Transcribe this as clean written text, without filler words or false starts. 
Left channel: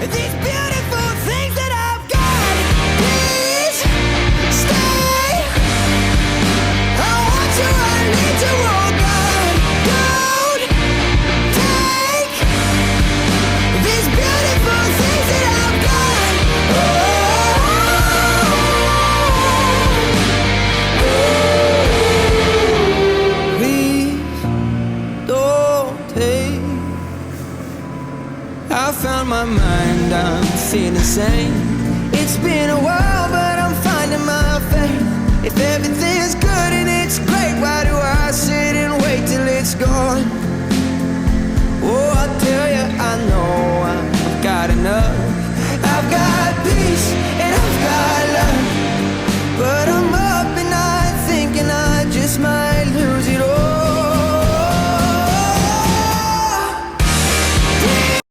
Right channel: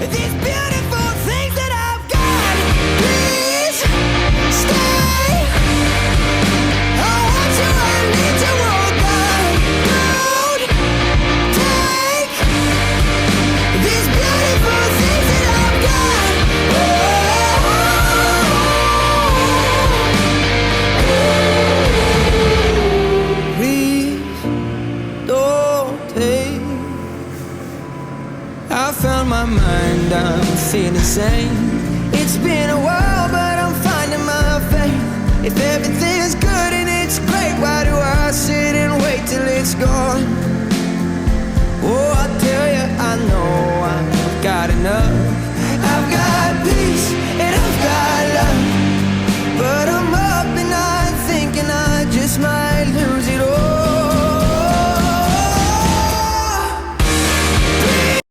these beautiful things that I've got. Please stay. I want you, I need you, oh God. Don't take these beautiful things that I've got. Oh, please don't take. I found my mind, I'm feeling sane. It's been a while, but I'm finding my faith. If everything's good and it's great, why do I sit and wait till it's gone? Oh, I tell you, I know I've got enough.